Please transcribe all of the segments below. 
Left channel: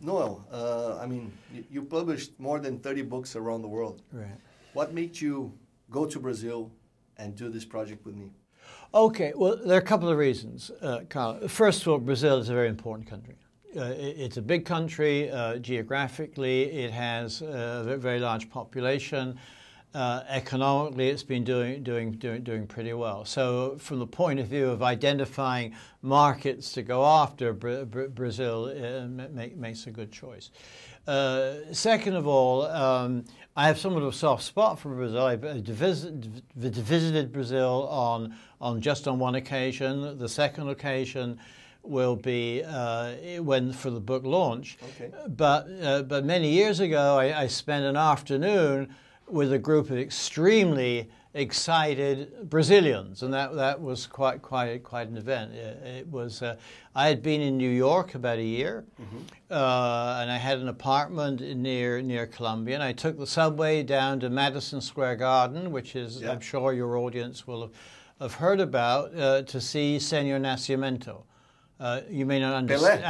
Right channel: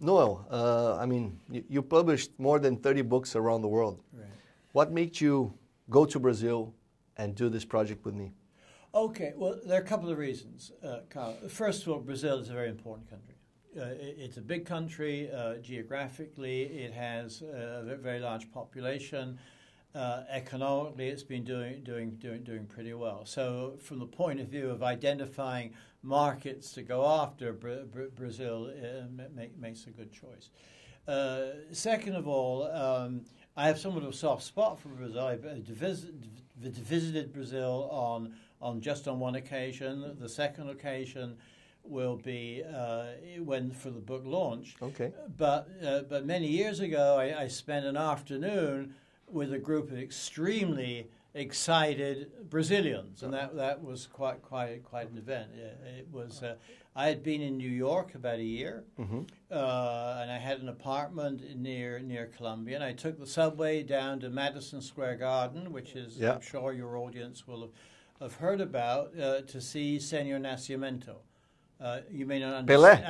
Noel, I mean, you published more than 30 books around the world. Right. What made you go to Brazil and do this project with me? Okay, well, there are a couple of reasons, Carl. First of all, Brazil is a very important country. It's a big country geographically. It has a very large population. Economically, it's been doing pretty well. So, from the point of view of identifying markets to go after, Brazil makes a good choice. Second of all, I have somewhat of a soft spot for Brazil. I visited Brazil just on one occasion. The second occasion will be for the book launch. Okay. But many years ago, I spent an afternoon with a group of extremely excited Brazilians, and that was quite an event. It was. I had been in New York about a year, and I had an apartment near Columbia, and I took the subway down to Madison Square Garden, which is, I'm sure your audience will have heard about, to see Senor Nascimento. You may not understand,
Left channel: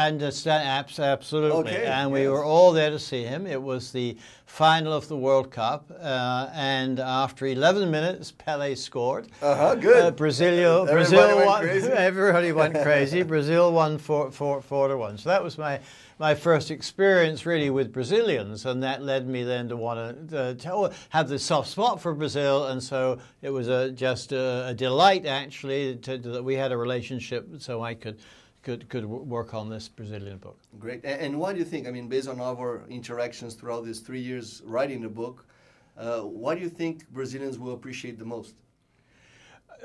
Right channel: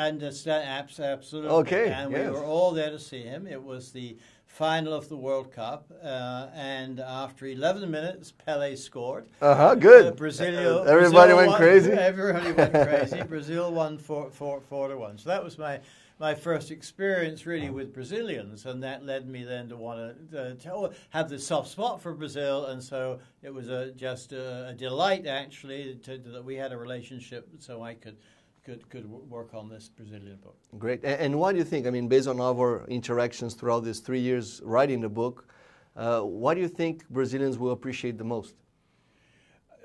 absolutely. Okay, and we were all there to see him. It was the final of the World Cup, and after 11 minutes, Pelé scored. Good. Everybody went crazy. Everybody went crazy. Brazil won 4-1. So that was my first experience really with Brazilians, and that led me then to want to have this soft spot for Brazil, and so it was just a delight actually that we had a relationship, so I could work on this Brazilian book. Great. And what do you think? I mean, based on our interactions throughout these 3 years writing the book, what do you think Brazilians will appreciate the most?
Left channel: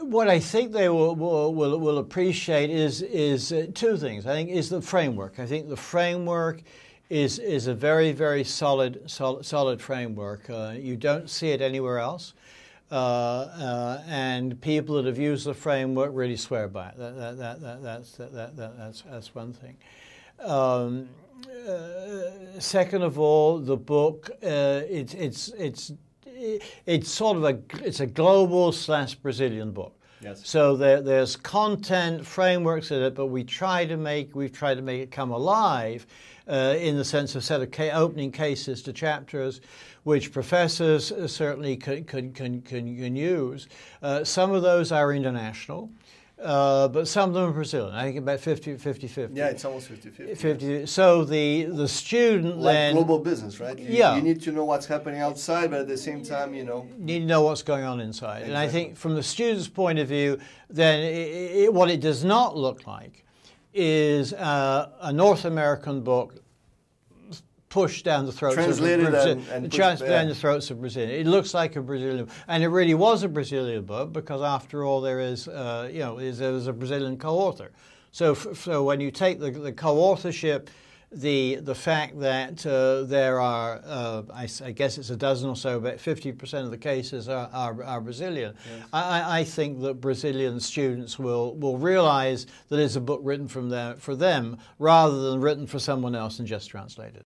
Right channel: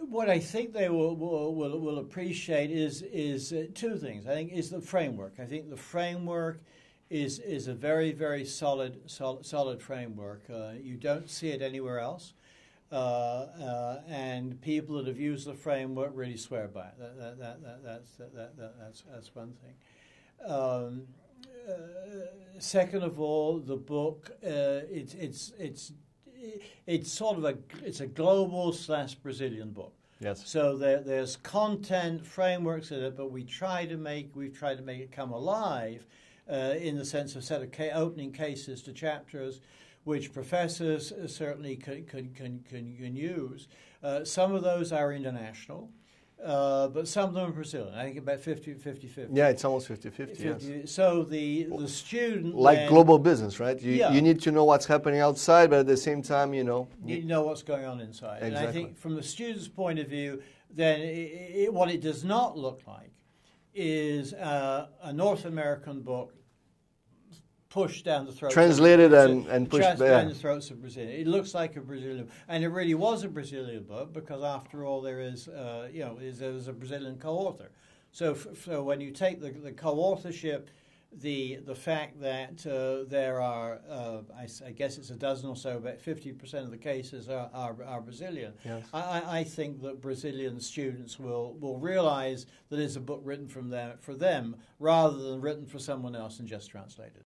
What I think they will appreciate is two things. I think is the framework. I think the framework is a very, very solid framework. You don't see it anywhere else. And people that have used the framework really swear by it. That's one thing. Second of all, the book it's sort of it's a global / Brazilian book. Yes. So there's content frameworks in it, but we've tried to make it come alive in the sense of set of opening cases to chapters, which professors certainly can use. Some of those are international, but some of them are Brazilian. I think about 50-50. Yeah, it's almost 50-50. Yes. So the student like global business, right? You need to know what's happening outside, but at the same time, you need to know what's going on inside. Exactly. And I think from the student's point of view, then what it does not look like is a North American book pushed down the throats translated and pushed down the throats of Brazil. It looks like a Brazilian, and it really was a Brazilian book because, after all, there is there's a Brazilian co-author. So when you take the co-authorship, the fact that there are, I guess it's a dozen or so, but 50% of the cases are Brazilian. Yes. I think that Brazilian students will realize that it's a book written for them rather than written for someone else and just translated.